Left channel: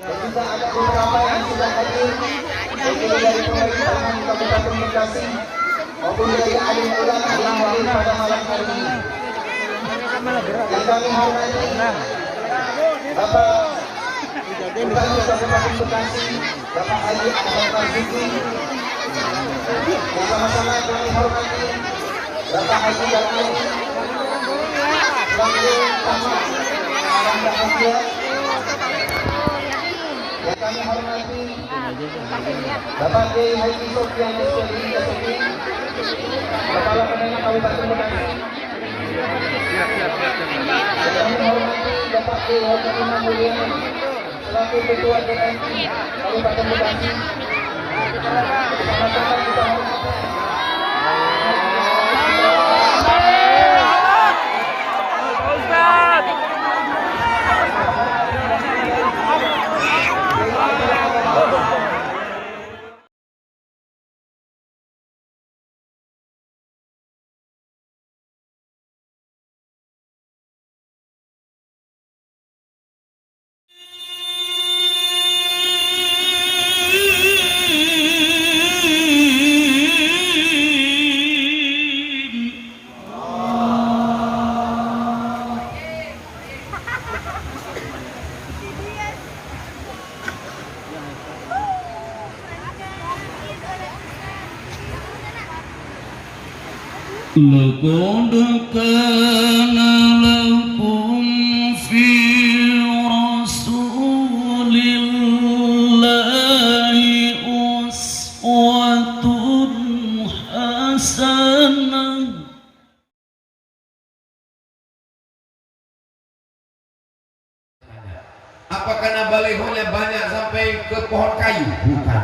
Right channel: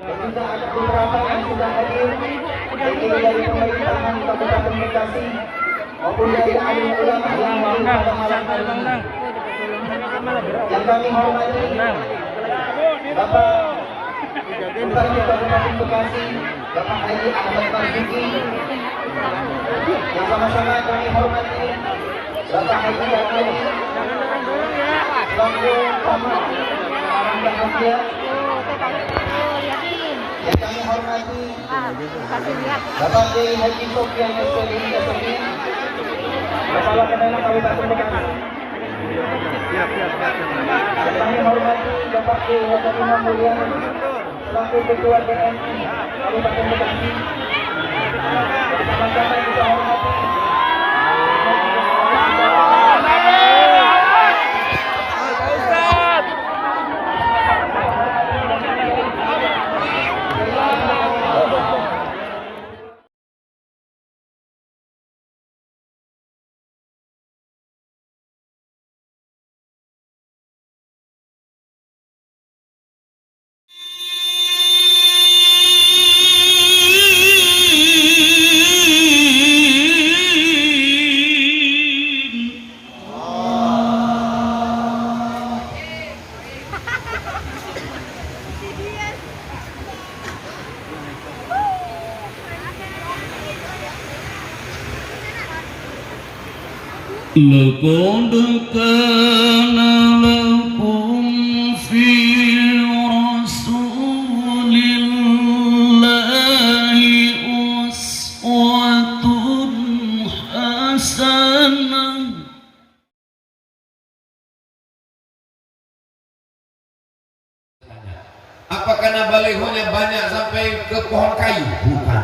juga ada beberapa yang sudah hadir, yaitu dari pemerintahan Kabupaten Bekasi maupun dari alim ulama yang hadir pada malam hari ini. Yang kami hormati Bapak Bupati Kabupaten Bekasi, Bapak Haji Ahmad Marzuki. Bersama-sama kami hormati Bapak Haji Yakub selaku Bapak Arang Bahagia. Yang kami hormati Bapak Kiai Haji Sofyan Sodiri Kasofi, Kepala Kemenang Kabupaten Bekasi. Yang kami hormati Bapak Kiai Haji Imam Mulyana selaku Ketua DMI Kabupaten Bekasi. Bersama-sama kita hormati لقد كان لكم في رسول الله أسوة حسنة. Apa karena balihonya banyak sampai ke pohon kayu? Bukan.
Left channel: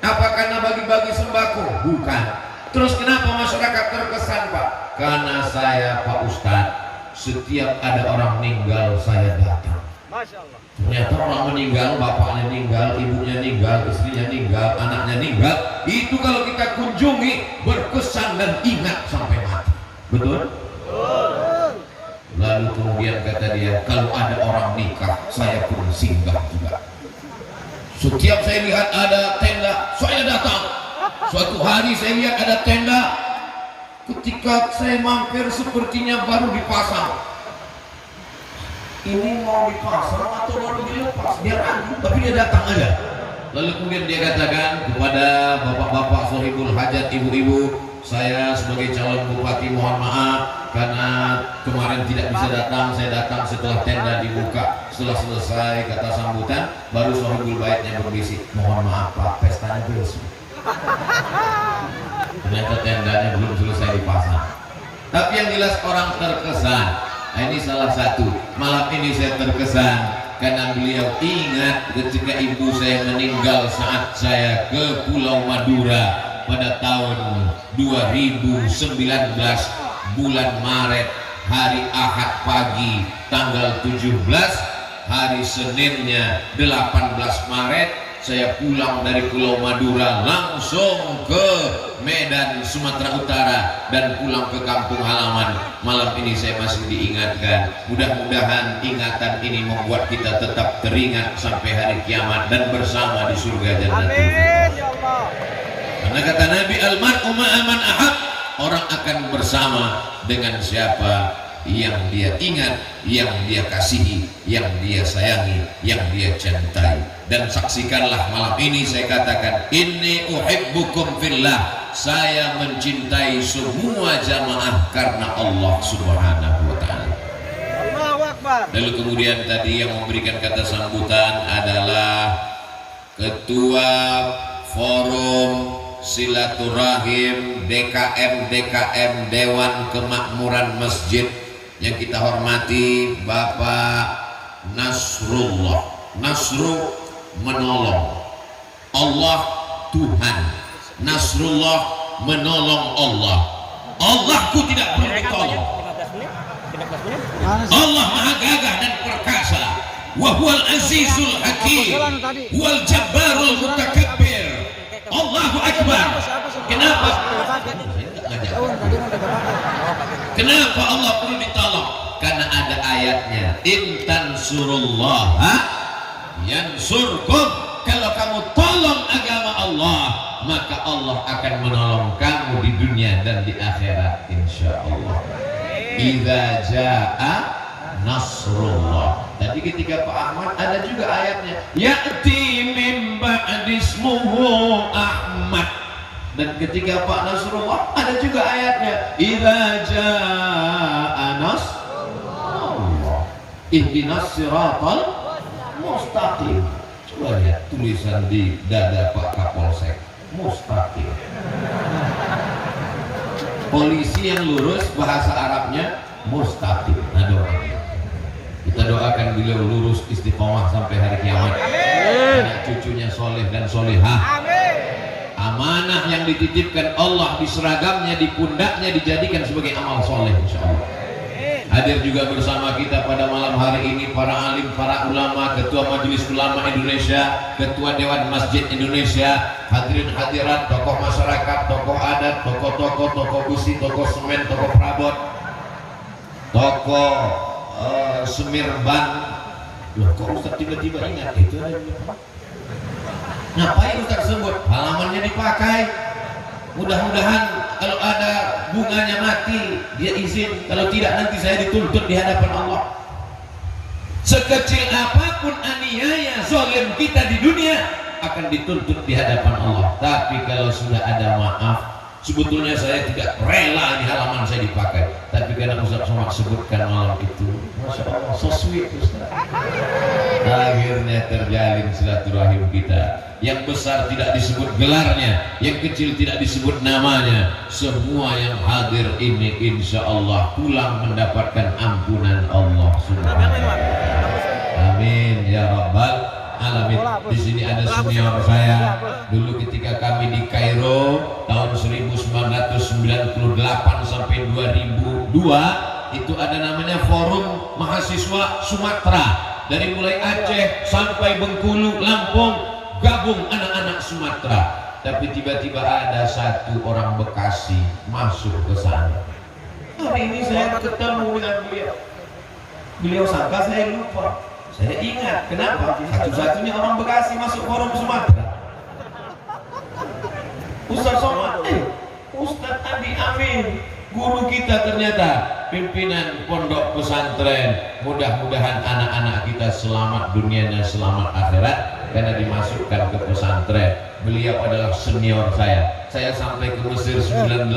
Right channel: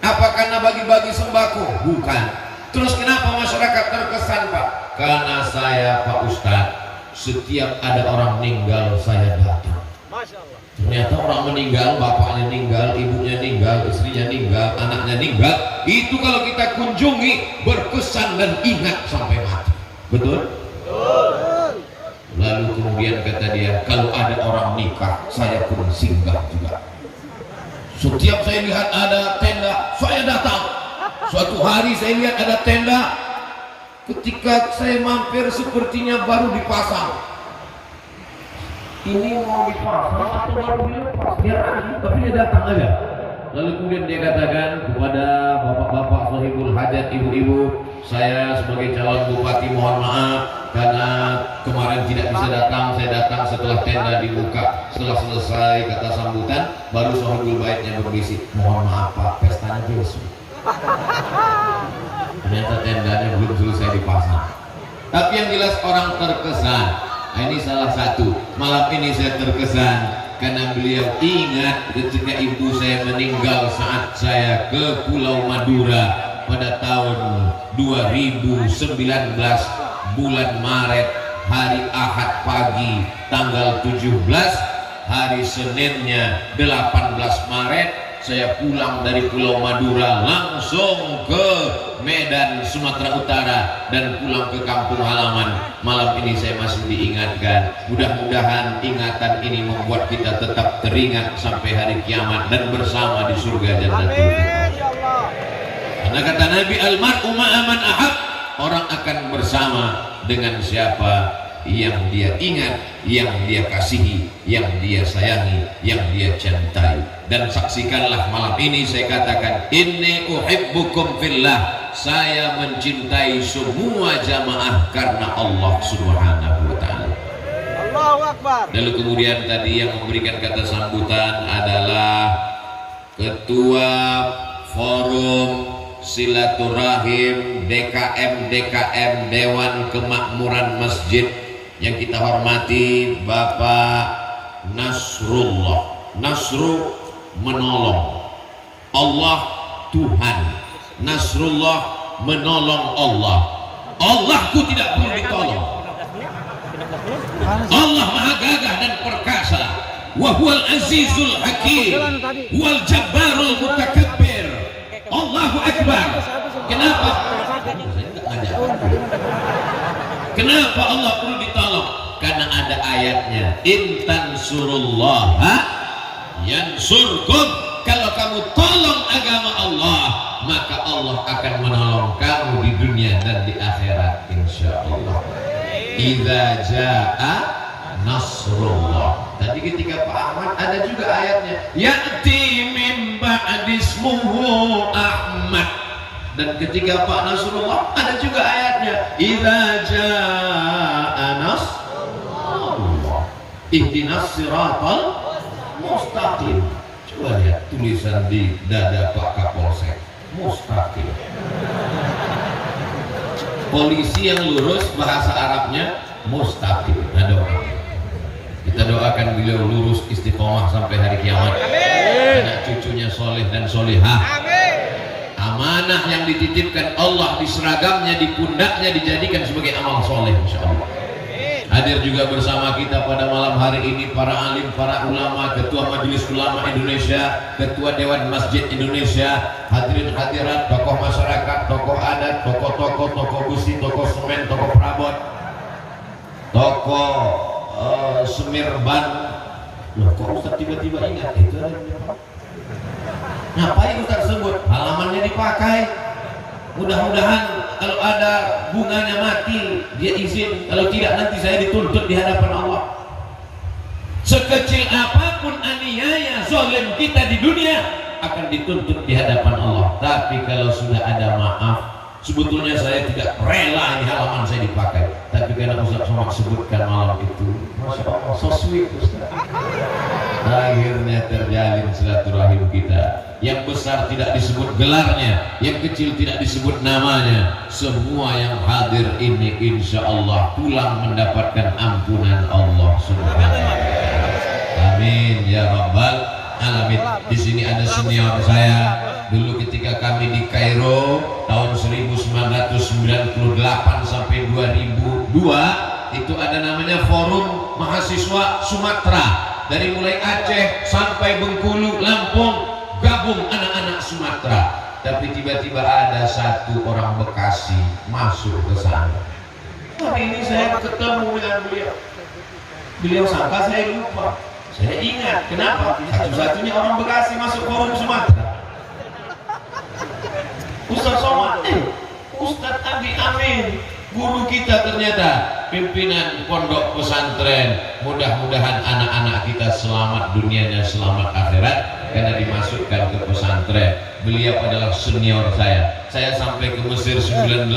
Apa karena bagi-bagi sembako? Bukan. Terus kenapa masyarakat terkesan, Pak? Karena saya, Pak Ustadz, setiap ada orang meninggal saya datang. Ternyata orang meninggal, bapaknya meninggal, ibunya meninggal, istrinya meninggal, anaknya meninggal. Itu kalau kita kunjungi berkesan dan ingat sampai mati. Betul? Lalu kemudian kata dia, kalau ada orang nikah, saya pun singgah juga. Setiap saya lihat ada tenda, saya datang. Suatu hari saya lihat ada tenda, ketika saya mampir sepertinya baru dipasang. Ini mau dipasang atau baru dilepas? Dia ragu, tapi dia datang aja. Lalu kemudian dia katakan kepada bapak-bapak sahibul hajat, ibu-ibu, saya sebagai calon bupati mohon maaf karena kemarin tidak bisa datang. Saya datang setelah tenda dibuka. Setelah selesai kata sambutan, baru sahibul baitnya berbisik, mohon maaf Pak, pestanya besok. Ternyata tendanya belum selesai dipasang. Tapi yang jelas orang terkesan. Nah, ini salah satu. Malam ini saya terkesan karena beliau ingat ketika ibu saya meninggal saat saya ke Pulau Madura pada tahun 2019 bulan Maret, hari Ahad pagi tanggal 17, hari Seninnya 18 Maret saya pulang dari Pulau Madura langsung ke Medan, Sumatera Utara dan pulang ke kampung halaman. Malam ini saya masih diingatkan. Mudah-mudahan ingatan ini membuat kita tetap teringat sampai hari kiamat dan bersama di surga Jannatul Firdaus. Karena kata Nabi, almar'u ma'a man ahab, orang akan bersama dengan siapa yang dia ingat, yang dia kasihi, yang dia sayangi, yang dia cintai. Dan saksikanlah malam ini saya katakan, inni uhibbukum fillah, saya mencintai semua jamaah karena Allah Subhanahu wa ta'ala. Allahu Akbar. Lalu kemudian tadi yang memberikan kata sambutan adalah Ketua Forum Silaturahim DKM Dewan Kemakmuran Masjid yang kita hormati Bapak Nasrullah. Nasru menolong, Allah Tuhan, Nasrullah menolong Allah. Allahku tidak perlu ditolong. Allah maha gagah dan perkasa. Wa huwal azizul hakim, wal jabbarul mutakabbir. Allahu Akbar. Kenapa? Kenapa Allah perlu ditolong? Karena ada ayatnya, in tansurullaha yansurkum, kalau kamu tolong agama Allah, maka Allah akan menolong kamu di dunia dan di akhirat insyaallah. Idza jaa nasrullah. Tadi ketika Pak Ahmad ada juga ayatnya, ya'ti min ba'dismuhu Ahmad. Dan ketika Pak Nasrullah ada juga ayatnya, idza jaa nasrullah ihdinas siratal mustaqim. Coba lihat tulisan di dada Pak Kapolsek, mustaqim. Polisi yang lurus bahasa Arabnya mustaqim. Ada orang. Kita doakan beliau lurus istiqomah sampai hari kiamat. Anak cucunya soleh dan solehah. Amanah yang dititipkan Allah di seragamnya, di pundaknya dijadikan sebagai amal soleh insyaallah. Hadir juga bersama kita pada malam hari ini para alim, para ulama, Ketua Majelis Ulama Indonesia, Ketua Dewan Masjid Indonesia, hadirin hadirat, tokoh masyarakat, tokoh adat, tokoh-tokoh, tokoh besi, tokoh semen, tokoh perabot, tokoh semirban. Loh, kok Ustaz tiba-tiba ingat itu ada di depan? Ngapain Ustaz sebut? Halamannya dipakai. Mudah-mudahan kalau ada bunganya mati dia izin, kalau tidak nanti saya dituntut di hadapan Allah. Sekecil apapun aniaya zalim kita di dunia akan dituntut di hadapan Allah. Tapi kalau sudah ada maaf, sebetulnya saya tidak rela ini halaman saya dipakai, tapi karena Ustaz Somad sebutkan malam itu, Masya Allah, so sweet Ustaz. Akhirnya terjalin silaturahim kita. Yang besar tidak disebut gelarnya, yang kecil tidak disebut namanya. Semua yang hadir ini insya Allah pulang mendapatkan ampunan Allah Subhanahu wa Ta'ala. Amin ya Rabbal Alamin. Di sini ada senior saya. Dulu ketika kami di Kairo tahun 1998 sampai 2002 itu ada namanya Forum Mahasiswa Sumatera. Dari mulai Aceh sampai Bengkulu, Lampung, gabung anak-anak Sumatera. Tapi tiba-tiba ada satu orang Bekasi masuk ke sana. Hari ini saya ketemu dengan beliau. Beliau sangka saya lupa. Saya ingat, kenapa? Satu-satunya orang Bekasi masuk Forum Sumatera. Ustaz Somad, Ustaz Adi Amin, guru kita ternyata, pimpinan pondok pesantren. Mudah-mudahan anak-anak kita selamat dunianya, selamat akhirat karena dimasukkan ke pesantren. Beliau adalah senior saya. Saya sampai ke Mesir 98,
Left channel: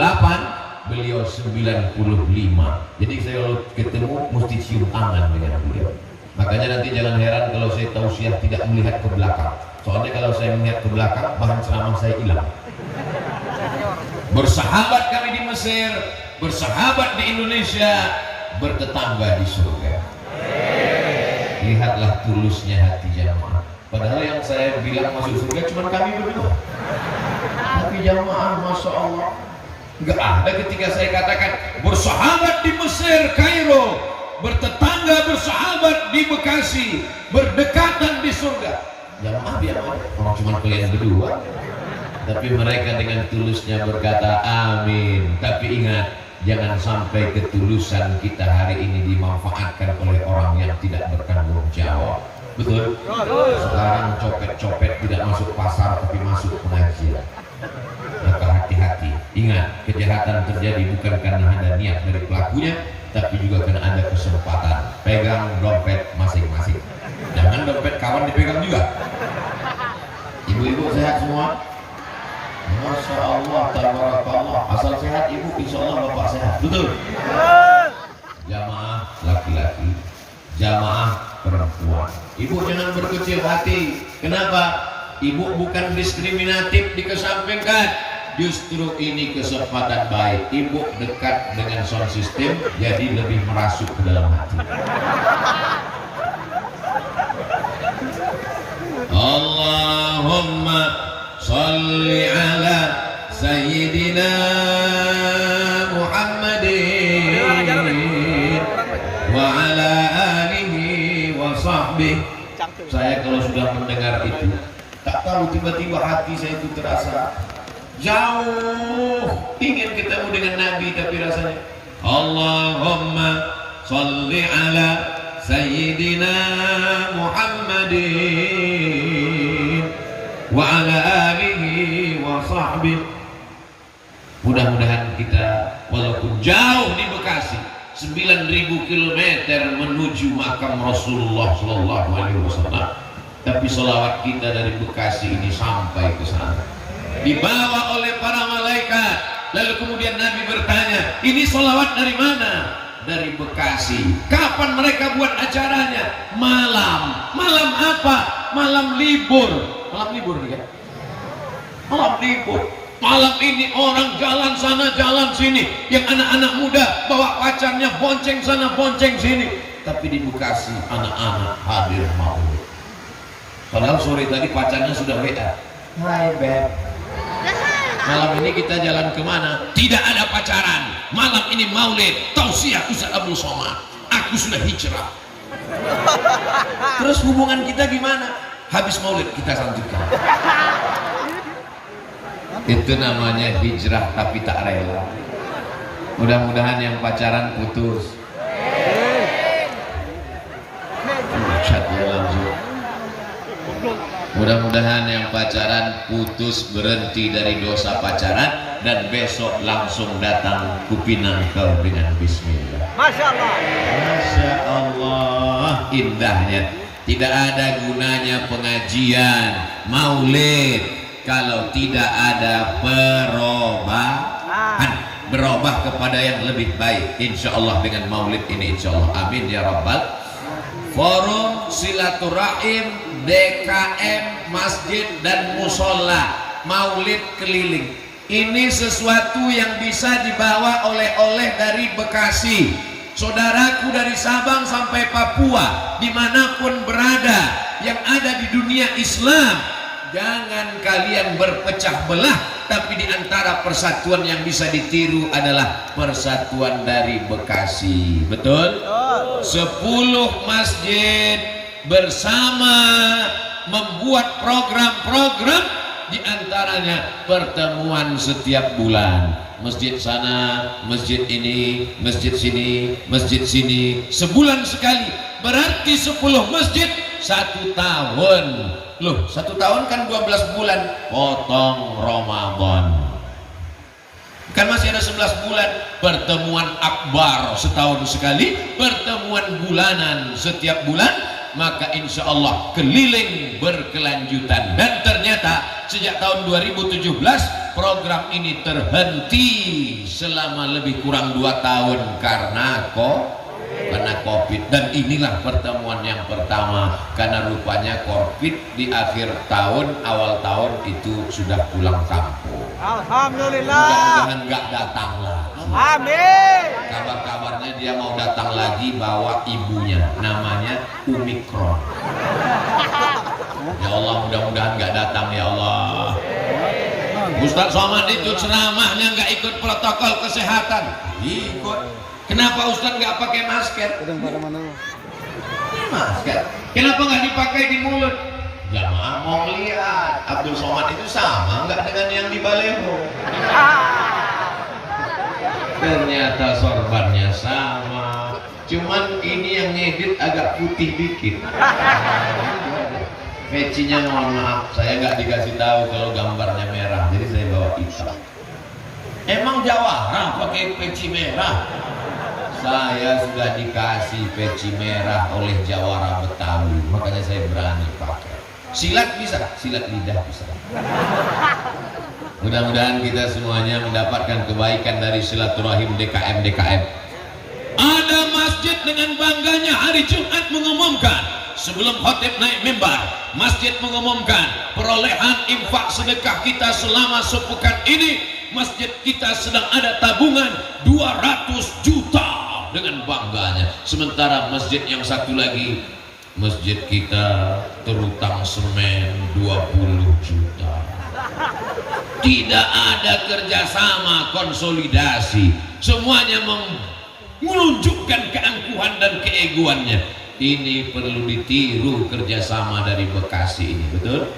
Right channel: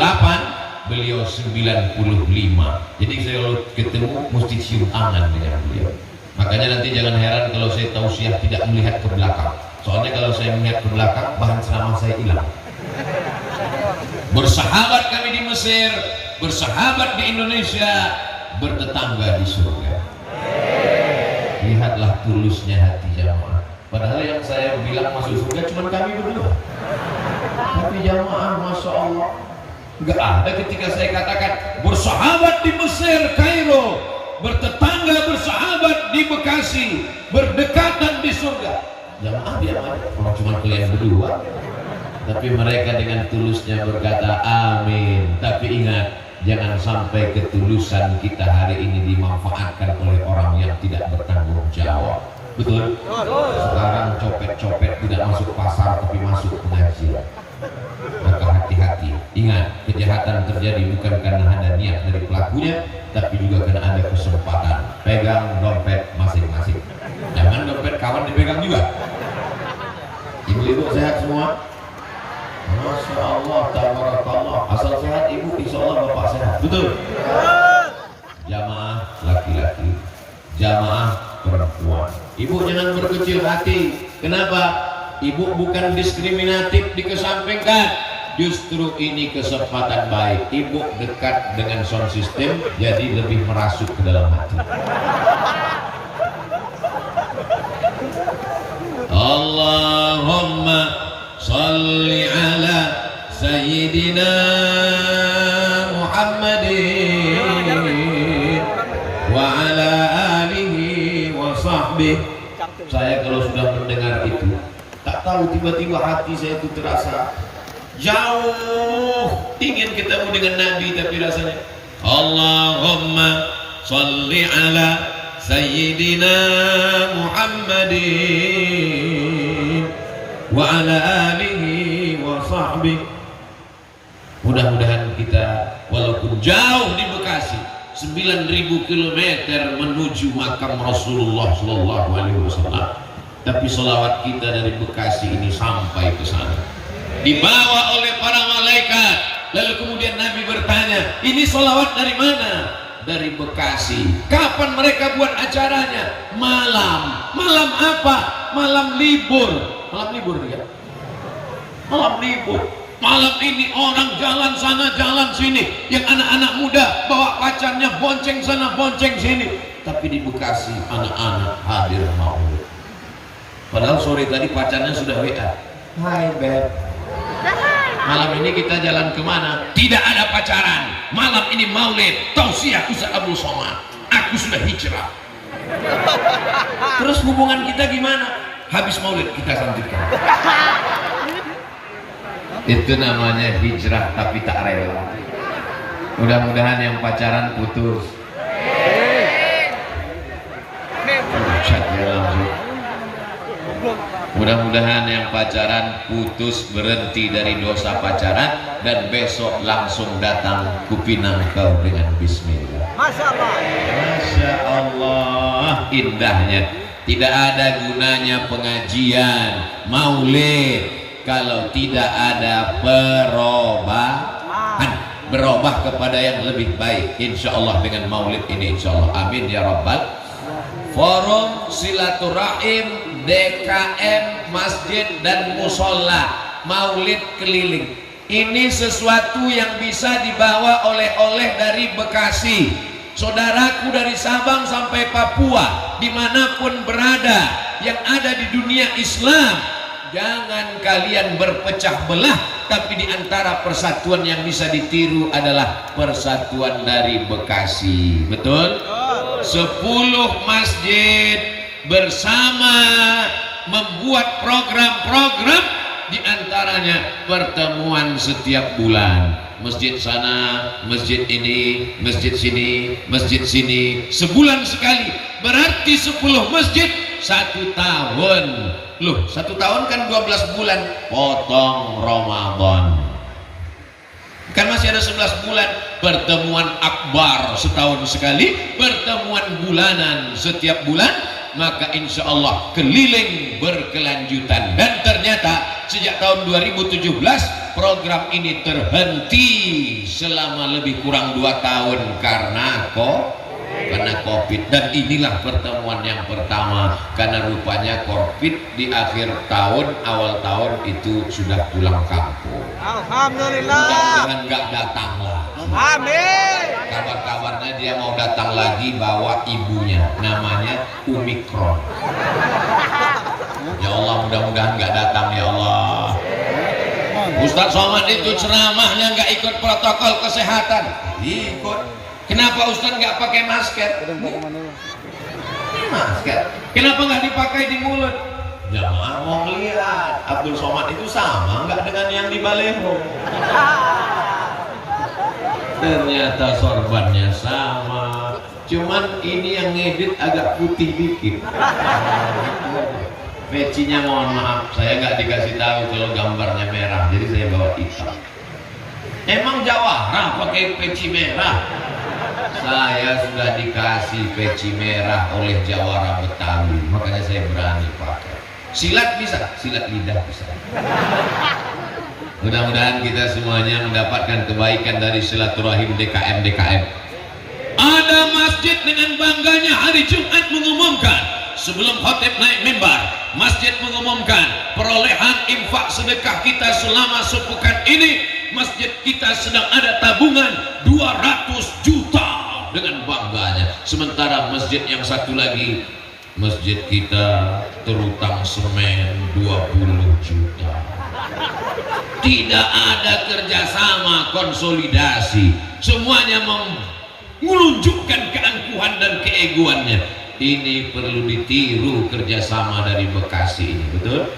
beliau 95. Jadi saya kalau ketemu mesti cium tangan dengan beliau. Makanya nanti jangan heran kalau saya tausiah tidak melihat ke belakang. Soalnya kalau saya melihat ke belakang, bahan ceramah saya hilang. Bersahabat kami di Mesir, bersahabat di Indonesia, bertetangga di surga. Lihatlah tulusnya hati jamaah. Padahal yang saya bilang masuk surga cuma kami berdua. Tapi jamaah, Masya Allah, nggak ada ketika saya katakan bersahabat di Mesir, Kairo, bertetangga, bersahabat di Bekasi, berdekatan di surga. Jamaah dia orang cuma kalian berdua. Tapi mereka dengan tulusnya berkata amin. Tapi ingat, jangan sampai ketulusan kita hari ini dimanfaatkan oleh orang yang tidak bertanggung jawab. Betul? Sekarang copet-copet tidak masuk pasar tapi masuk pengajian. Maka hati-hati. Ingat, kejahatan terjadi bukan karena ada niat dari pelakunya, tapi juga karena ada kesempatan. Pegang dompet masing-masing. Jangan dompet kawan dipegang juga. Ibu-ibu sehat semua? Masya Allah, tabarakallah. Asal sehat ibu, insya Allah bapak sehat. Betul? Jamaah laki-laki, jamaah perempuan. Ibu jangan berkecil hati. Kenapa? Ibu bukan diskriminatif dikesampingkan. Justru ini kesempatan baik. Ibu dekat dengan sound system, jadi lebih merasuk ke dalam hati. Allahumma salli ala Sayyidina Muhammadin wa ala alihi wa sahbihi. Saya kalau sudah mendengar itu, tak tahu tiba-tiba hati saya itu terasa jauh ingin ketemu dengan Nabi, tapi rasanya Allahumma salli ala sayyidina Muhammadin wa ala alihi wa sahbihi. Mudah-mudahan kita walaupun jauh di Bekasi 9.000 km menuju makam Rasulullah Sallallahu Alaihi Wasallam, tapi selawat kita dari Bekasi ini sampai ke sana, dibawa oleh para malaikat. Lalu kemudian Nabi bertanya, ini selawat dari mana? Dari Bekasi. Kapan mereka buat acaranya? Malam. Malam apa? Malam libur. Malam libur nih kan? Malam libur. Malam ini orang jalan sana jalan sini, yang anak-anak muda bawa pacarnya bonceng sana bonceng sini. Tapi di Bekasi anak-anak hadir maulid. Padahal sore tadi pacarnya sudah WA, hai beb, malam ini kita jalan kemana? Tidak ada pacaran, malam ini maulid tausiah Ustaz Abdul Somad, aku sudah hijrah. Terus hubungan kita gimana? Habis maulid kita lanjutkan. Itu namanya hijrah tapi tak rela. Mudah-mudahan yang pacaran putus. Mudah-mudahan yang pacaran putus, berhenti dari dosa pacaran, dan besok langsung datang kupinang kau dengan bismillah. Masya Allah. Masya Allah, indahnya. Tidak ada gunanya pengajian maulid kalau tidak ada perubahan, berubah kepada yang lebih baik, insya Allah dengan maulid ini, insya Allah, amin ya rabbal. Forum silaturahim DKM masjid dan musola maulid keliling, ini sesuatu yang bisa dibawa oleh-oleh dari Bekasi. Saudaraku dari Sabang sampai Papua, dimanapun berada yang ada di dunia Islam, jangan kalian berpecah belah, tapi di antara persatuan yang bisa ditiru adalah persatuan dari Bekasi. Betul? 10 masjid bersama membuat program-program, di antaranya pertemuan setiap bulan. Masjid sana, masjid ini, masjid sini, masjid sini, sebulan sekali. Berarti 10 masjid 1 tahun. Loh, 1 tahun kan 12 bulan, potong Ramadan. Kan masih ada 11 bulan. Pertemuan akbar setahun sekali, pertemuan bulanan setiap bulan, maka insya Allah keliling berkelanjutan. Dan ternyata sejak tahun 2017 program ini terhenti selama lebih kurang 2 tahun karena Covid. Dan inilah pertemuan yang pertama, karena rupanya Covid di akhir tahun awal tahun itu sudah pulang kampung. Alhamdulillah. Mudah-mudahan nggak datang lagi. Amin. Kabar-kabarnya dia mau datang lagi bawa ibunya, namanya Omikron. Ya Allah, mudah-mudahan nggak datang ya Allah. Ustaz Somad itu ceramahnya nggak ikut protokol kesehatan. Ikut. Kenapa Ustaz nggak pakai masker? Masker. Kenapa nggak dipakai di mulut? Jamaah mau lihat Abdul Somad itu sama nggak dengan yang di baleho. Ternyata sorbannya sama, cuman ini yang ngedit agak putih dikit. Pecinya mohon maaf, saya nggak dikasih tahu kalau gambarnya merah, jadi saya bawa hitam. Emang Jawara pakai peci merah? Saya sudah dikasih peci merah oleh Jawara Betawi, makanya saya berani pakai. Silat bisa, silat lidah bisa. Mudah-mudahan kita semuanya mendapatkan kebaikan dari silaturahim DKM. Ada masjid dengan bangganya hari Jumat mengumumkan, sebelum khatib naik mimbar, masjid mengumumkan perolehan infak sedekah kita selama sepekan ini. Masjid kita sedang ada tabungan 200 juta dengan bangganya. Sementara masjid yang satu lagi, masjid kita terutang semen 20 juta. Tidak ada kerjasama, konsolidasi, semuanya menunjukkan keangkuhan dan keegoannya. Ini perlu ditiru kerjasama dari Bekasi ini, betul?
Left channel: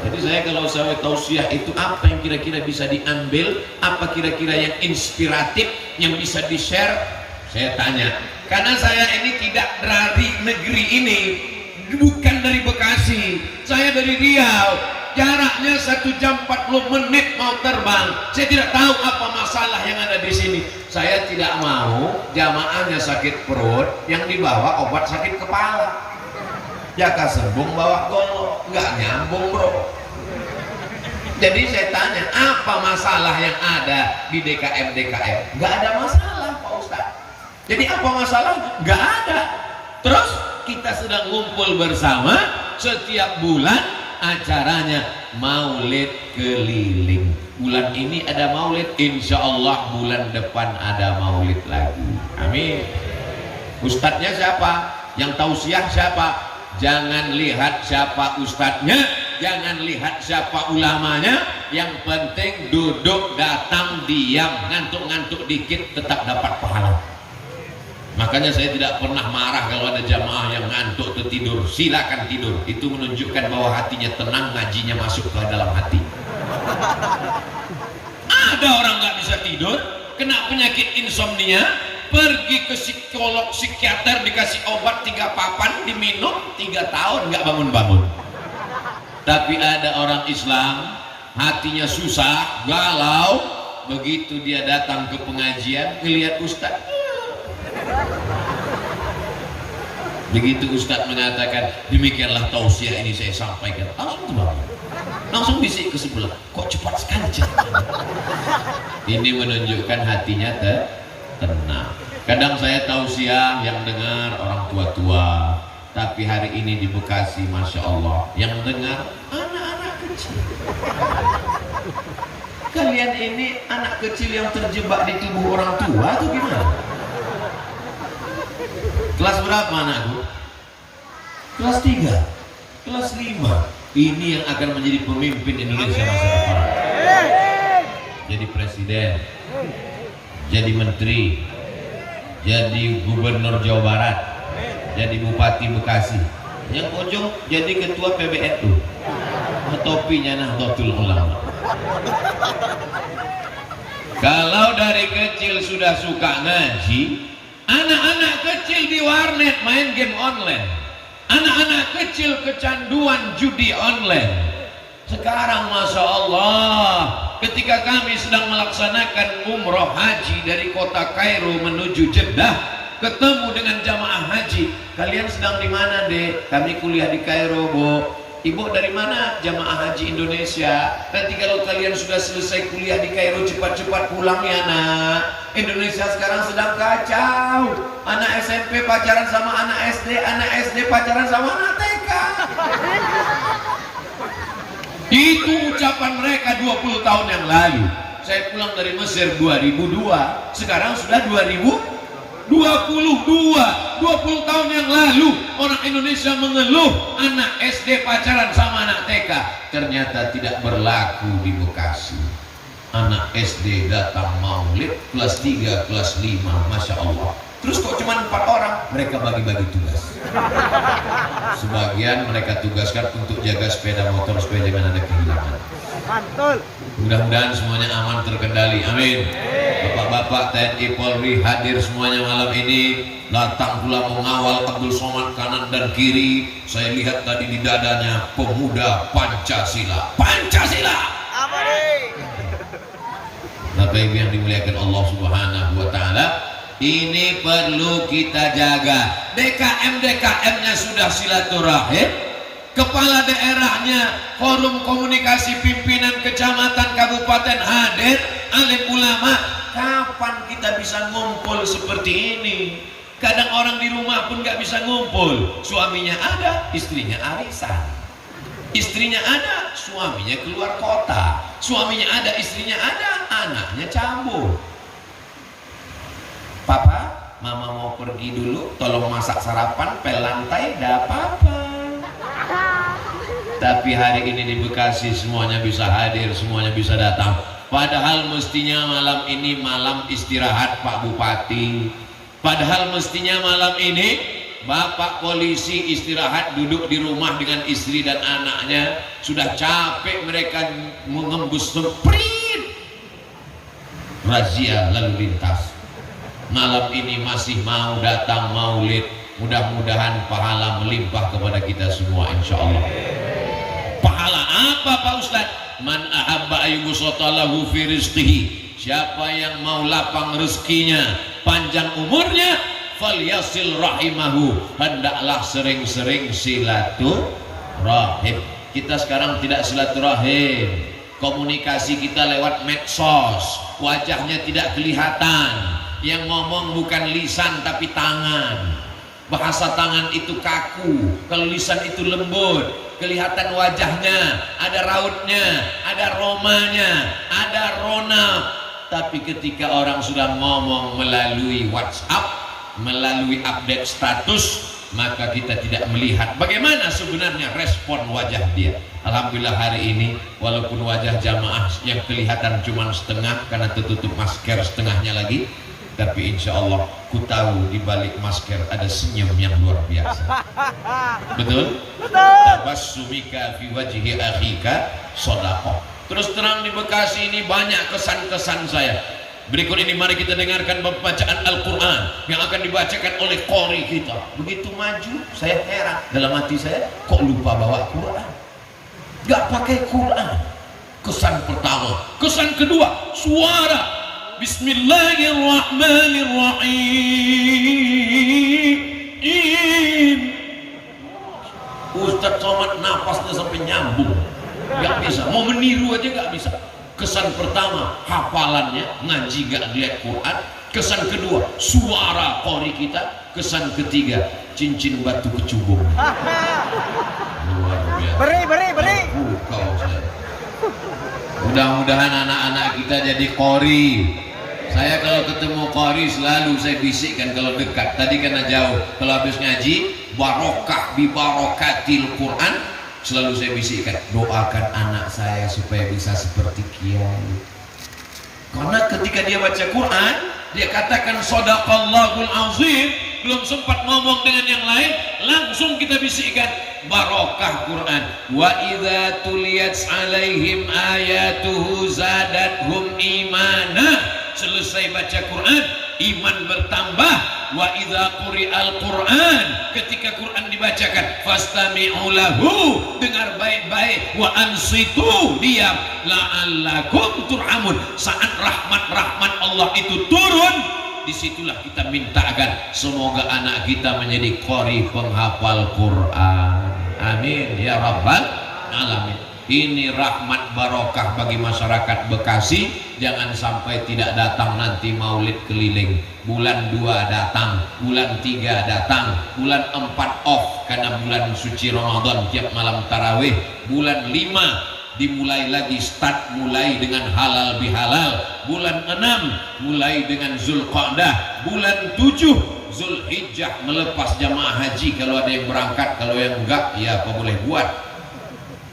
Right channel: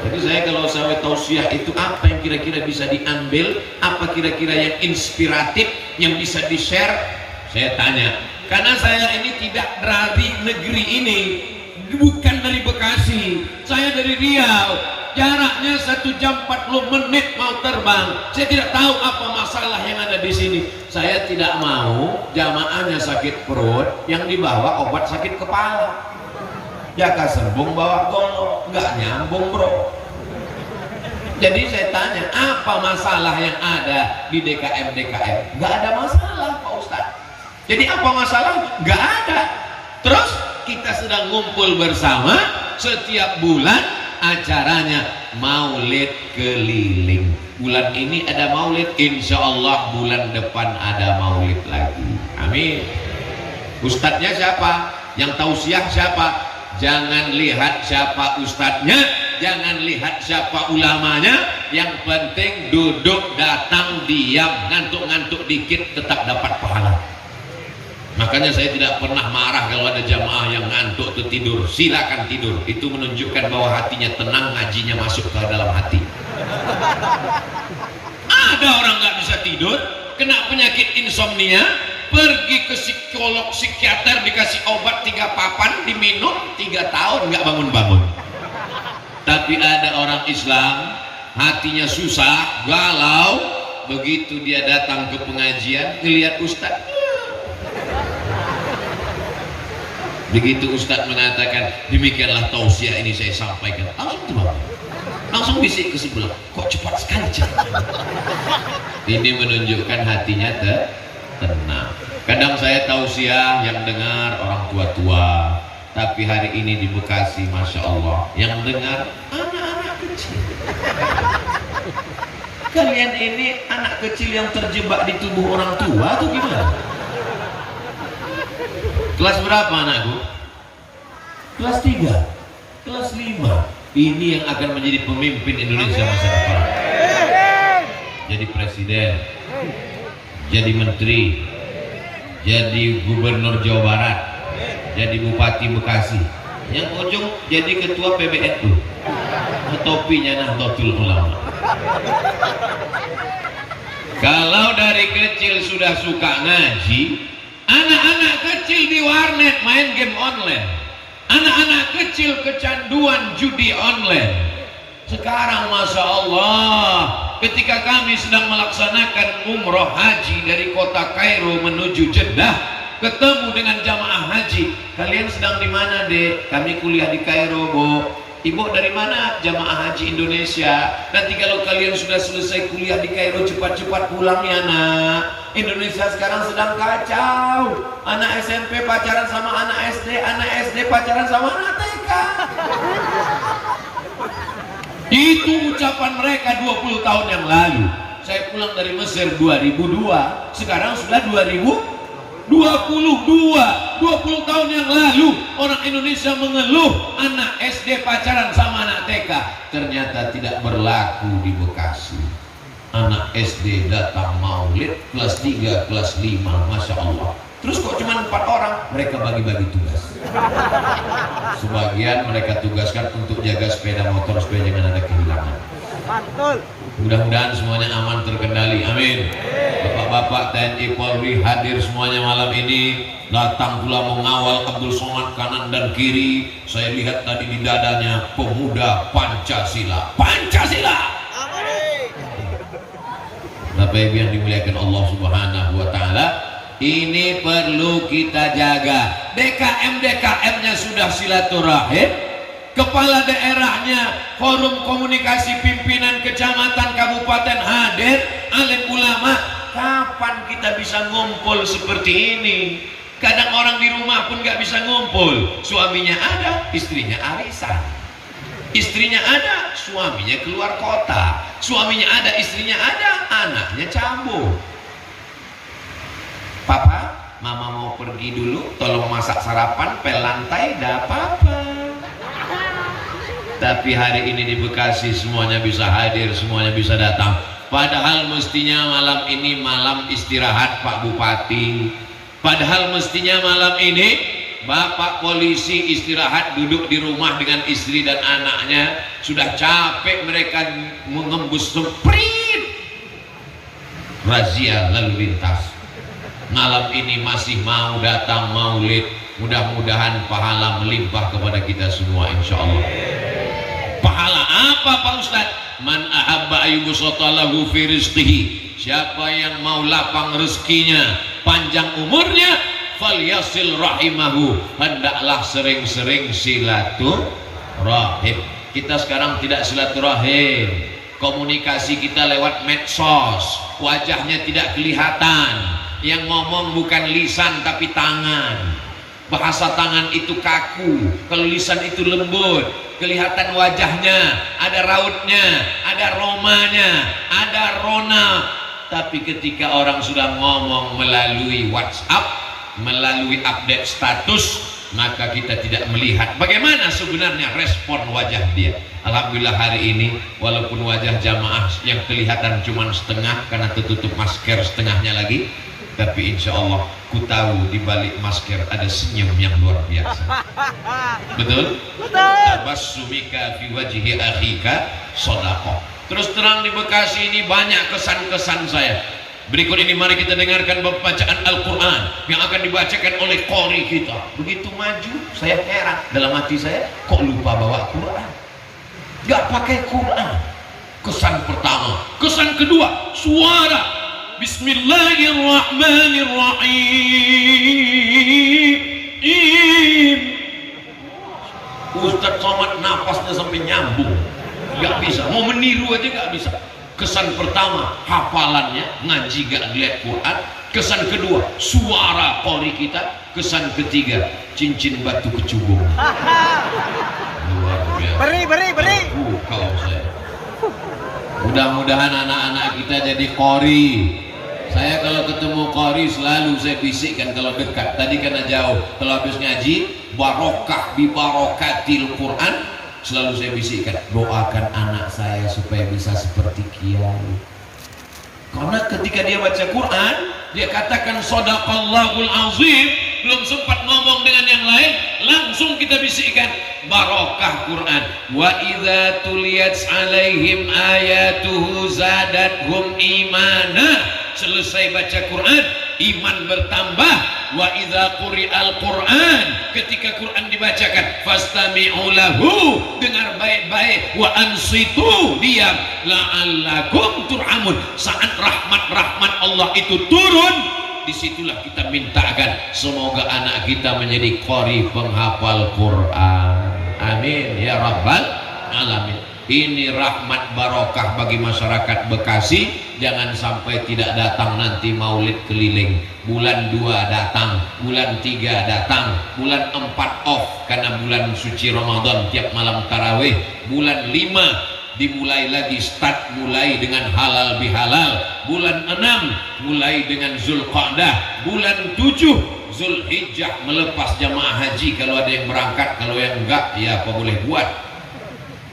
Jadi saya kalau saya tausiah itu apa yang kira-kira bisa diambil, apa kira-kira yang inspiratif yang bisa di-share, saya tanya Karena saya ini tidak dari negeri ini, bukan dari Bekasi, saya dari Riau. Jaraknya 1 jam 40 menit mau terbang. Saya tidak tahu apa masalah yang ada di sini. Saya tidak mau jamaahnya sakit perut, yang dibawa obat sakit kepala. Jaka sembung bawa golok, nggak nyambung bro. Jadi saya tanya, apa masalah yang ada di DKM? Nggak ada masalah Pak Ustadz. Jadi apa masalah? Nggak ada. Terus kita sedang ngumpul bersama setiap bulan. Acaranya maulid keliling. Bulan ini ada maulid, insya Allah bulan depan ada maulid lagi. Amin. Ustadznya siapa? Yang tausiah siapa? Jangan lihat siapa ustadznya, jangan lihat siapa ulamanya. Yang penting duduk, datang, diam, ngantuk-ngantuk dikit tetap dapat pahala. Makanya saya tidak pernah marah kalau ada jamaah yang ngantuk ketidur. Silakan tidur, itu menunjukkan bahwa hatinya tenang, ngajinya masuk ke dalam hati. Ada orang nggak bisa tidur, kena penyakit insomnia, pergi ke psikolog, psikiater, dikasih obat 3 papan, diminum 3 tahun nggak bangun-bangun. Tapi ada orang Islam, hatinya susah, galau, begitu dia datang ke pengajian, ngelihat ustaz. Begitu Ustadz mengatakan demikianlah tausiah ini saya sampaikan, langsung tuh langsung bisik ke sebelah, kok cepat sekali ini menunjukkan hatinya tenang. Kadang saya tausiah yang dengar orang tua-tua, tapi hari ini di Bekasi Masya Allah yang dengar anak-anak kecil. Kalian ini anak kecil yang terjebak di tubuh orang tua atau gimana? Kelas berapa anakku? Kelas 3, kelas 5. Ini yang akan menjadi pemimpin Indonesia masa depan. Jadi presiden, jadi menteri, jadi gubernur Jawa Barat, jadi bupati Bekasi. Yang ujung jadi ketua PBNU. Topinya Nahdlatul Ulama. Kalau dari kecil sudah suka ngaji, anak-anak kecil di warnet main game online, anak-anak kecil kecanduan judi online. Sekarang Masya Allah, ketika kami sedang melaksanakan umroh haji dari kota Kairo menuju Jeddah, ketemu dengan jamaah haji. Kalian sedang di mana dek? Kami kuliah di Kairo bu. Ibu dari mana? Jamaah haji Indonesia. Nanti kalau kalian sudah selesai kuliah di Kairo, cepat-cepat pulang ya nak. Indonesia sekarang sedang kacau. Anak SMP pacaran sama anak SD pacaran sama anak TK. Itu ucapan mereka 20 tahun yang lalu. Saya pulang dari Mesir 2002, sekarang sudah 20 tahun yang lalu orang Indonesia mengeluh anak SD pacaran sama anak TK. Ternyata tidak berlaku di Bekasi. Anak SD datang maulid kelas 3, kelas 5, Masya Allah. Terus kok cuma 4 orang? Mereka bagi-bagi tugas. Sebagian mereka tugaskan untuk jaga sepeda motor supaya jangan ada kehilangan. Mudah-mudahan semuanya aman terkendali, amin. Bapak-bapak TNI Polri hadir semuanya malam ini, datang pula mengawal Abdul Somad kanan dan kiri. Saya lihat tadi di dadanya pemuda Pancasila. Pancasila. Bapak Ibu yang dimuliakan Allah Subhanahu wa taala, ini perlu kita jaga. DKM-nya sudah silaturahim, kepala daerahnya, forum komunikasi pimpinan kecamatan kabupaten hadir, alim ulama. Kapan kita bisa ngumpul seperti ini? Kadang orang di rumah pun gak bisa ngumpul. Suaminya ada, istrinya arisan. Istrinya ada, suaminya keluar kota. Suaminya ada, istrinya ada, anaknya cabut. Papa, mama mau pergi dulu, tolong masak sarapan, pel lantai, gak apa-apa. Tapi hari ini di Bekasi semuanya bisa hadir, semuanya bisa datang. Padahal mestinya malam ini malam istirahat Pak Bupati. Padahal mestinya malam ini Bapak polisi istirahat, duduk di rumah dengan istri dan anaknya. Sudah capek mereka mengembus sprint razia lalu lintas. malam ini masih mau datang maulid, mudah-mudahan pahala melimpah kepada kita semua insyaallah. Pahala apa Pak Ustadz? Man ahabba ayyubusatalahu fi rizqihi, siapa yang mau lapang rezekinya, panjang umurnya, falyasil rahimahu, hendaklah sering-sering silaturahim. Kita sekarang tidak silaturahim, komunikasi kita lewat medsos, wajahnya tidak kelihatan, yang ngomong bukan lisan tapi tangan. Bahasa tangan itu kaku, kalau lisan itu lembut, kelihatan wajahnya, ada rautnya, ada romanya, ada rona. Tapi ketika orang sudah ngomong melalui WhatsApp, melalui update status, maka kita tidak melihat bagaimana sebenarnya respon wajah dia. Alhamdulillah hari ini walaupun wajah jamaah yang kelihatan cuma setengah karena tertutup masker setengahnya lagi, tapi insya Allah ku tahu di balik masker ada senyum yang luar biasa. Betul? Tabassumika fi wajhi akhika shadaqah. Terus terang di Bekasi ini banyak kesan-kesan saya. Berikut ini mari kita dengarkan bacaan Al-Quran yang akan dibacakan oleh qori kita. Begitu maju saya heran dalam hati saya, kok lupa bawa Quran, gak pakai Quran. Kesan pertama. Kesan kedua, suara Bismillahirrahmanirrahim. Ustadz Somad napasnya sampai nyambung, gak bisa, mau meniru aja gak bisa. Kesan pertama, hafalannya, ngaji gak lihat Quran. Kesan kedua, suara qori kita. Kesan ketiga, cincin batu kecubung. Luar biasa. Beri. Kau saya. Mudah-mudahan anak-anak kita jadi qori. Saya kalau ketemu qori selalu saya bisikkan kalau dekat. Tadi karena jauh, kalau habis ngaji, barokah bi barokatil Quran, selalu saya bisikkan, doakan anak saya supaya bisa seperti kiai. Karena ketika dia baca Quran, dia katakan shadaqallahul azim, belum sempat ngomong dengan yang lain, langsung kita bisikkan barokah Quran. Wa idza tuliyat alaihim ayatuhu zadathum imana. Selesai baca Quran, iman bertambah. Wa idza quri'al Quran, ketika Quran dibacakan, fastami'u lahu, dengar baik-baik, wa ansitu, diam, la'allakum turhamun. Saat rahmat Allah itu turun, disitulah kita mintakan semoga anak kita menjadi qori penghafal Quran. Amin ya rabbal alamin. Ini rahmat barokah bagi masyarakat Bekasi. Jangan sampai tidak datang nanti maulid keliling. Bulan 2 datang, bulan 3 datang, bulan 4 off karena bulan suci Ramadan tiap malam tarawih. Bulan 5 dimulai lagi, start mulai dengan halal bihalal. Bulan 6 mulai dengan Zulqa'dah. Bulan 7 Zulhijjah melepas jamaah haji kalau ada yang berangkat, kalau yang enggak ya apa boleh buat.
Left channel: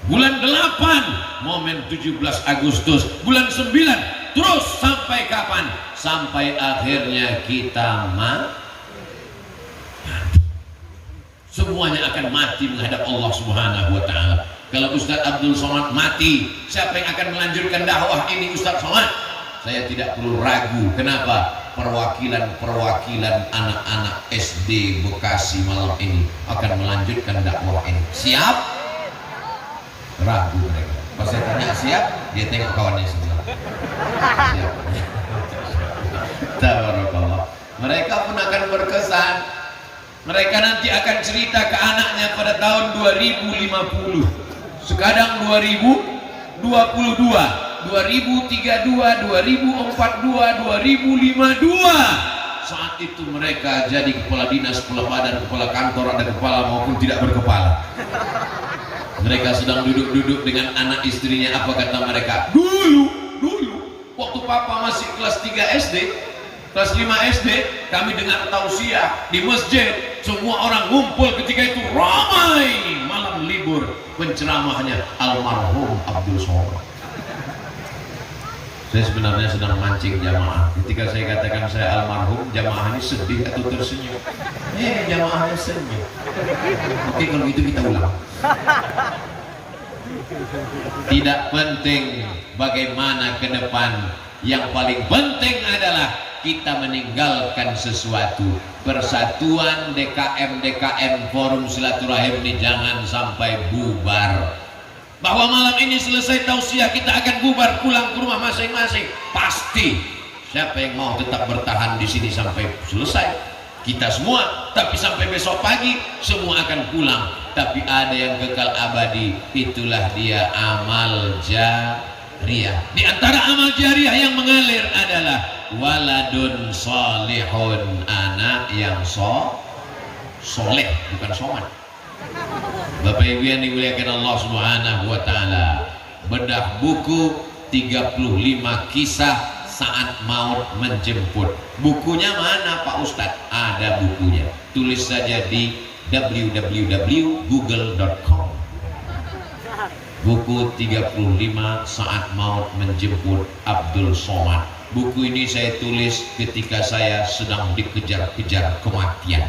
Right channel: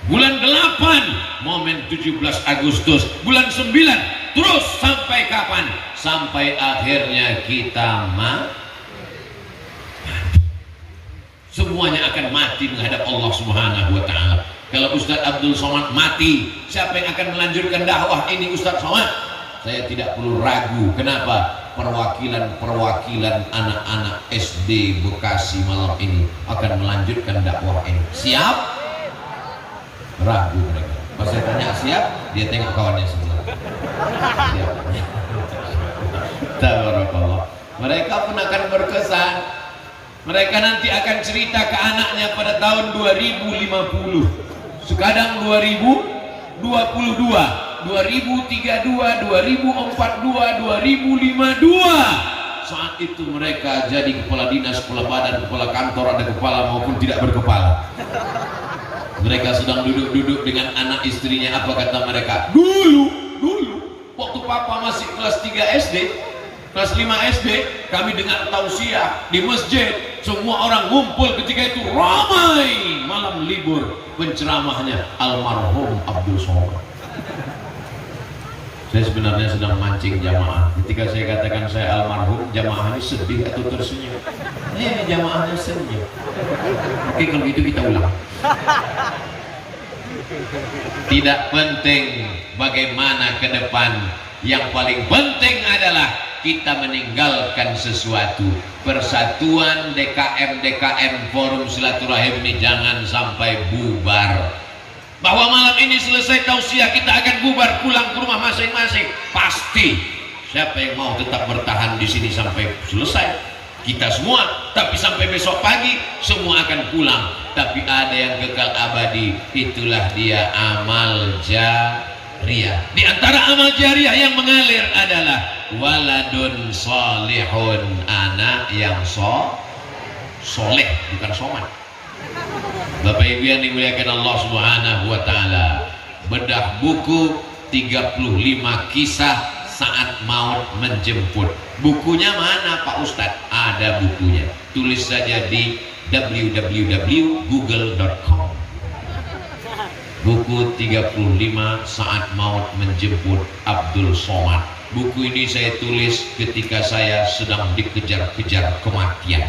Bulan 8 momen 17 Agustus, bulan 9 terus sampai kapan? Sampai akhirnya kita mati. Semuanya akan mati menghadap Allah Subhanahu wa taala. Kalau Ustadz Abdul Somad mati, siapa yang akan melanjutkan dakwah ini Ustadz Somad? Saya tidak perlu ragu. Kenapa? Perwakilan anak-anak SD Bekasi malam ini akan melanjutkan dakwah ini. Siap? Ragu mereka. Pas saya tanya siap, dia tengok kawannya sebelah. Siap. Tabarakallah. Mereka pun akan berkesan. Mereka nanti akan cerita ke anaknya pada tahun 2050. Sekarang 2022, 2032, 2042, 2052. Saat itu mereka jadi kepala dinas, kepala badan, kepala kantor, ada kepala maupun tidak berkepala. Mereka sedang duduk-duduk dengan anak istrinya. Apa kata mereka? Dulu waktu papa masih kelas 3 SD, kelas 5 SD, kami dengar tausiah di masjid, semua orang ngumpul. Ketika itu ramai, malam libur, penceramahnya almarhum Abdul Somad. Saya sebenarnya sedang mancing jamaah. Ketika saya katakan saya almarhum, jamaah ini sedih atau tersenyum? Jamaahnya senyum. Oke, kalau gitu kita ulang. Tidak penting bagaimana ke depan, yang paling penting adalah kita meninggalkan sesuatu. Persatuan DKM Forum Silaturahim ini jangan sampai bubar. Bahwa malam ini selesai tausiah kita akan bubar pulang ke rumah masing-masing, pasti. Siapa yang mau tetap bertahan di sini sampai selesai? Kita semua. Tapi sampai besok pagi semua akan pulang. Tapi ada yang kekal abadi, itulah dia amal jariyah. Di antara amal jariyah yang mengalir adalah waladun solihun, anak yang soleh, bukan somat. Bapak Ibu yang dimuliakan Allah Subhanahu wa taala, bedah buku 35 kisah saat maut menjemput. Bukunya mana Pak Ustadz? Ada bukunya. Tulis saja di www.google.com. Buku 35 saat maut menjemput Abdul Somad. Buku ini saya tulis ketika saya sedang dikejar-kejar kematian.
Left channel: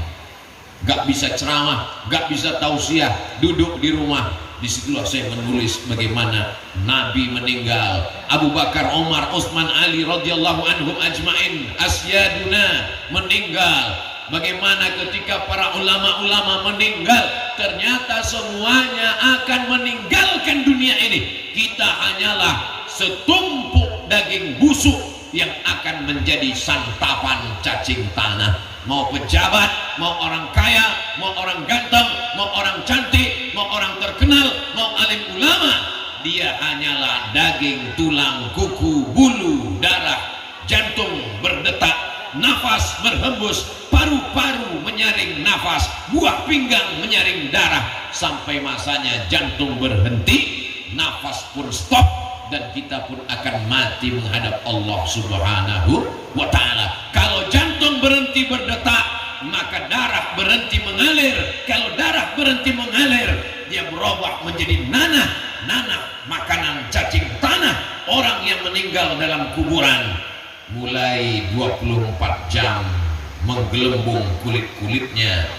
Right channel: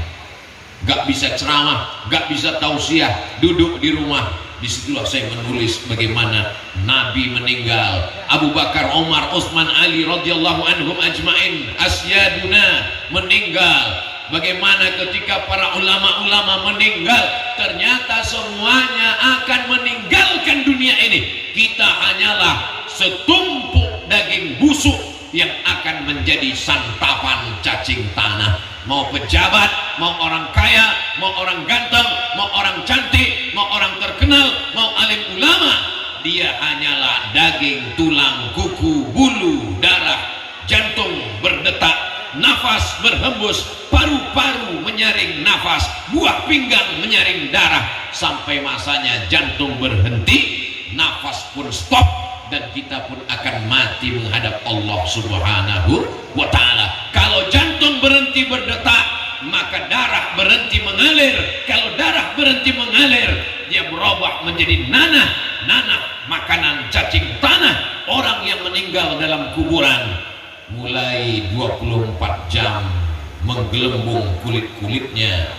Gak bisa ceramah, gak bisa tausiah, duduk di rumah. Disitulah saya menulis bagaimana Nabi meninggal, Abu Bakar, Umar, Utsman, Ali radhiyallahu anhum ajmain asyaduna meninggal. Bagaimana ketika para ulama-ulama meninggal, ternyata semuanya akan meninggalkan dunia ini. Kita hanyalah setumpuk daging busuk yang akan menjadi santapan cacing tanah. Mau pejabat, mau orang kaya, mau orang ganteng, mau orang cantik, mau orang terkenal, mau alim ulama, dia hanyalah daging, tulang, kuku, bulu, darah, jantung berdetak, nafas berhembus, paru-paru menyaring nafas, buah pinggang menyaring darah, sampai masanya jantung berhenti, nafas pun stop, dan kita pun akan mati menghadap Allah Subhanahu wa ta'ala. Kalau jantung berhenti berdetak, maka darah berhenti mengalir. Kalau darah berhenti mengalir, dia berubah menjadi nanah. Nanah makanan cacing tanah orang yang meninggal dalam kuburan. Mulai 24 jam menggelembung kulit-kulitnya,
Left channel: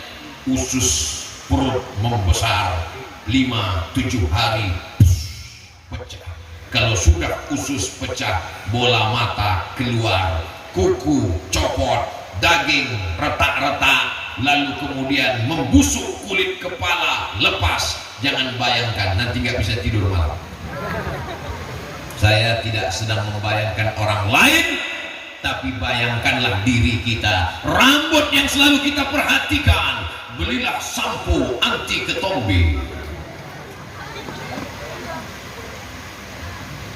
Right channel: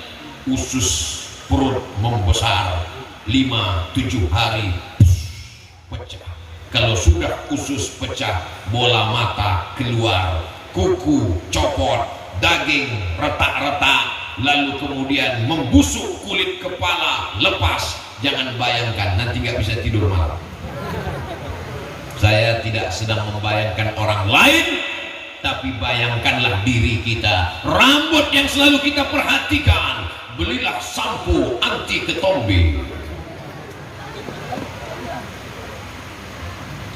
usus perut membesar, 5-7 hari pecah. Kalau sudah usus pecah, bola mata keluar, kuku copot, daging retak-retak, lalu kemudian membusuk kulit kepala, lepas. Jangan bayangkan, nanti nggak bisa tidur malam. Saya tidak sedang membayangkan orang lain, tapi bayangkanlah diri kita. Rambut yang selalu kita perhatikan, belilah sampo anti ketombe.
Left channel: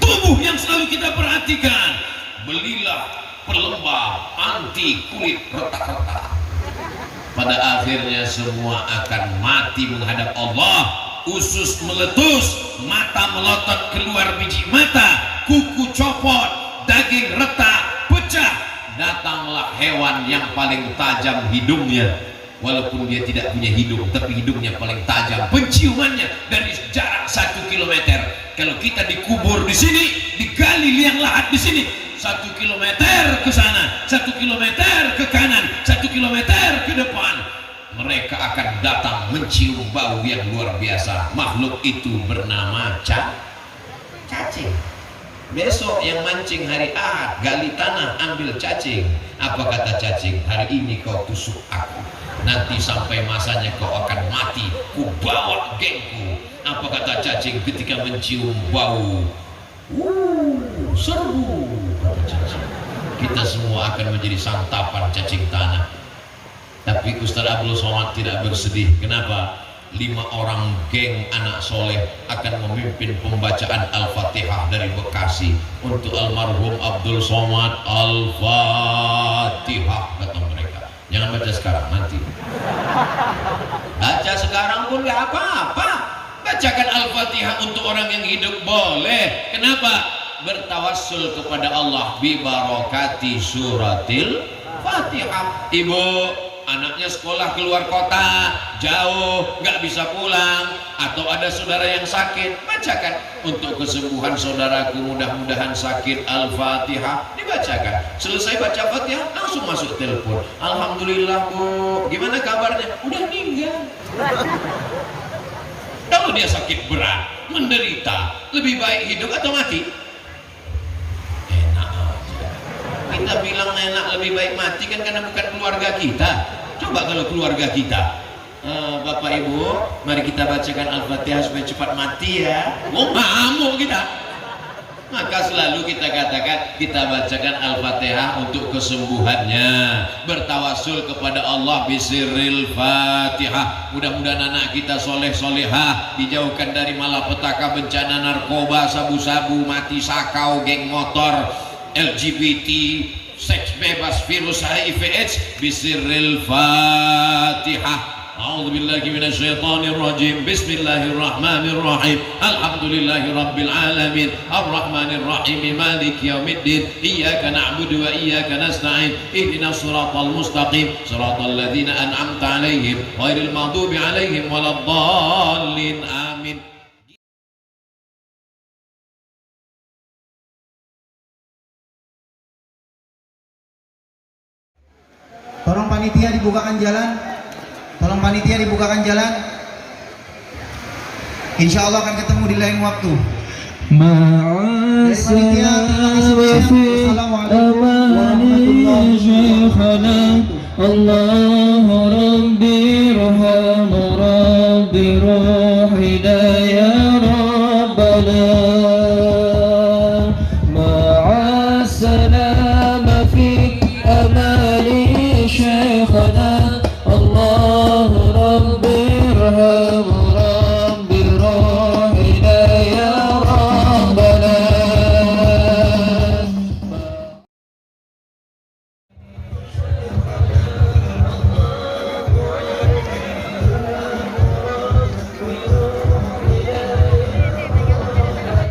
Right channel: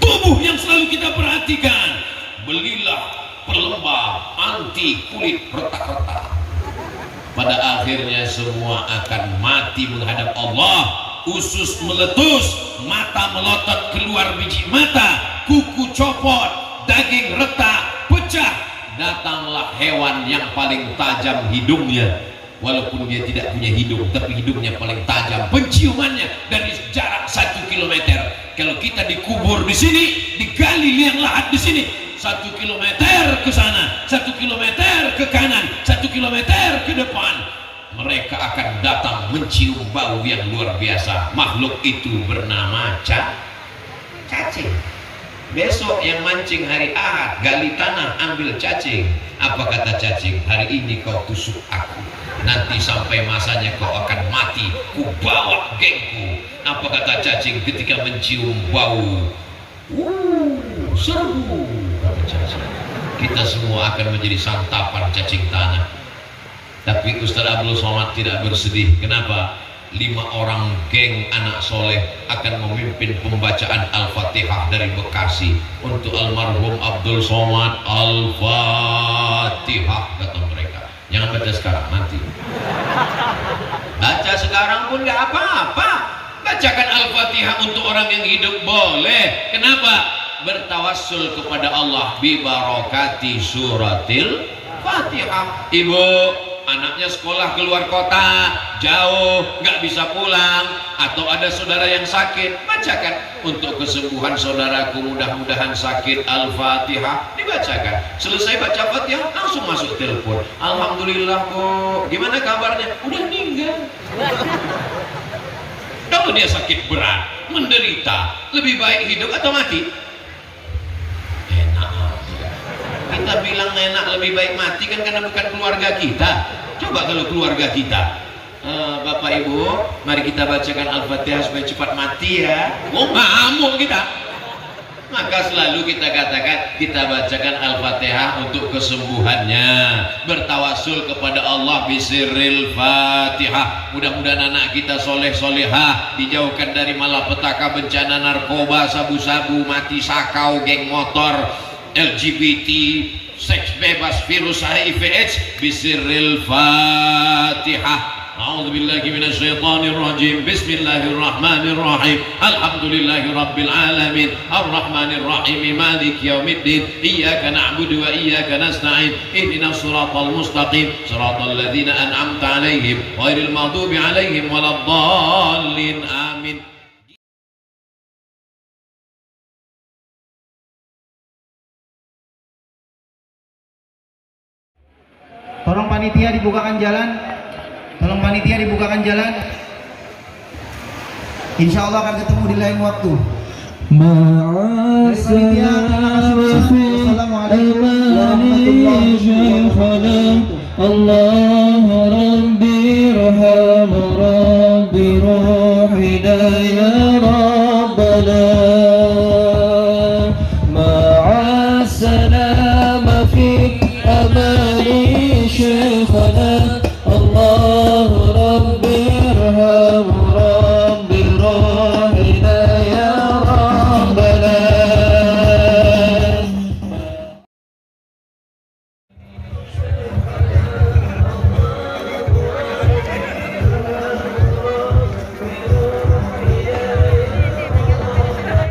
Tubuh yang selalu kita perhatikan, belilah pelembab anti kulit retak-retak. Pada akhirnya semua akan mati menghadap Allah. Usus meletus, mata melotot keluar biji mata, kuku copot, daging retak, pecah. Datanglah hewan yang paling tajam hidungnya. Walaupun dia tidak punya hidung, tapi hidungnya paling tajam. Penciumannya dari jarak 1 kilometer. Kalau kita dikubur di sini, digali liang lahat di sini, 1 kilometer ke sana, 1 kilometer ke kanan, 1 kilometer ke depan, mereka akan datang mencium bau yang luar biasa. Makhluk itu bernama cacing. Besok yang mancing hari Ahad, gali tanah, ambil cacing. Apa kata cacing? Hari ini kau tusuk aku, nanti sampai masanya kau akan mati, ku bawa gengku. Apa kata cacing ketika mencium bau? Serbu, kata cacing. Kita semua akan menjadi santapan cacing tanah. Tapi Ustaz Abdul Somad tidak bersedih. Kenapa? 5 orang geng anak soleh akan memimpin pembacaan Al-Fatihah dari Bekasi untuk almarhum Abdul Somad. Al-Fatihah, kata mereka. Jangan baca sekarang, nanti. Baca sekarang pun nggak apa-apa. Bacakan Al-Fatihah untuk orang yang hidup boleh. Kenapa? Bertawassul kepada Allah bi barakati suratil Fatihah. Ibu, anaknya sekolah keluar kota, jauh, nggak bisa pulang, atau ada saudara yang sakit, bacakan untuk kesembuhan saudaraku, mudah-mudahan sakit. Al-Fatihah dibacakan. Selesai baca Fatihah, langsung masuk telepon. Alhamdulillah Bu, gimana kabarnya? Udah meninggal. Kalau dia sakit berat, menderita, lebih baik hidup atau mati? Enak aja. Kita bilang enak lebih baik mati kan karena bukan keluarga kita. Coba kalau keluarga kita. Bapak Ibu, mari kita bacakan Al-Fatihah supaya cepat mati ya. Oh, ngamuk kita. Maka selalu kita katakan kita bacakan Al-Fatihah untuk kesembuhannya, bertawasul kepada Allah bisirril Fatihah. Mudah-mudahan anak kita soleh solehah, dijauhkan dari malapetaka, bencana narkoba, sabu-sabu, mati sakau, geng motor, LGBT, seks bebas, virus HIV/AIDS. Bisirril Fatihah. A'udzubillahi minasyaitonirrajim. Bismillahirrahmanirrahim. Alhamdulillahi rabbil alamin. Arrahmanirrahim. Maliki yaumiddin. Iyyaka na'budu wa iyyaka nasta'in. Ihdinas siratal mustaqim. Siratal ladzina an'amta 'alaihim ghairil maghdubi 'alaihim waladdallin. Amin. Tolong panitia dibukakan jalan. Tolong panitia dibukakan jalan. Insya Allah akan ketemu di lain waktu. Dari panitia, terima kasih banyak. Wassalamualaikum warahmatullahi wabarakatuh. Allah Rabbi irham Rabbi ruhida ya Rabbana ma'a salama fi amali Syekh